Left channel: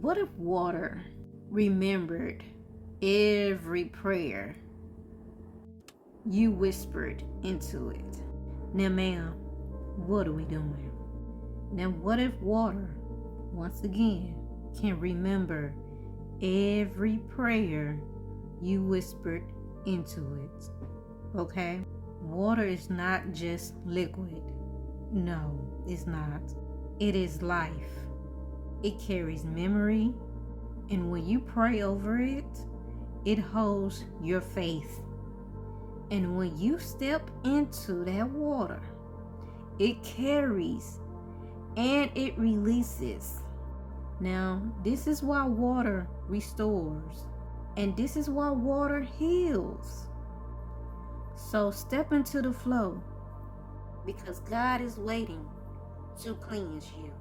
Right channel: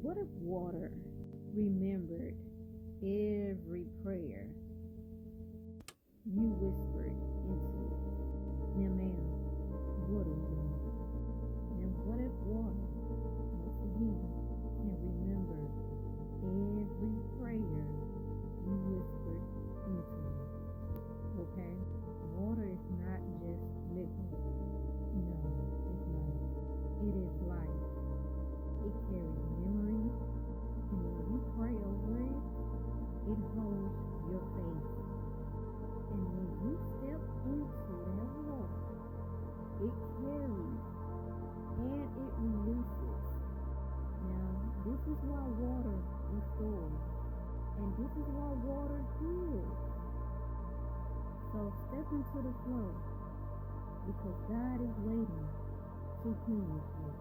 What if water remembered every prayer you whispered into it? Now, ma'am, what are we doing? Now, what if water, once again, can remember every prayer you whispered into it? Okay? Water is not just liquid. No, it's not. It is life. It carries memory, and when you pray over it, it holds your faith. And when you step into that water, it carries and it releases. Now, this is why water restores, and this is why water heals. So step into the flow, because God is waiting to cleanse you.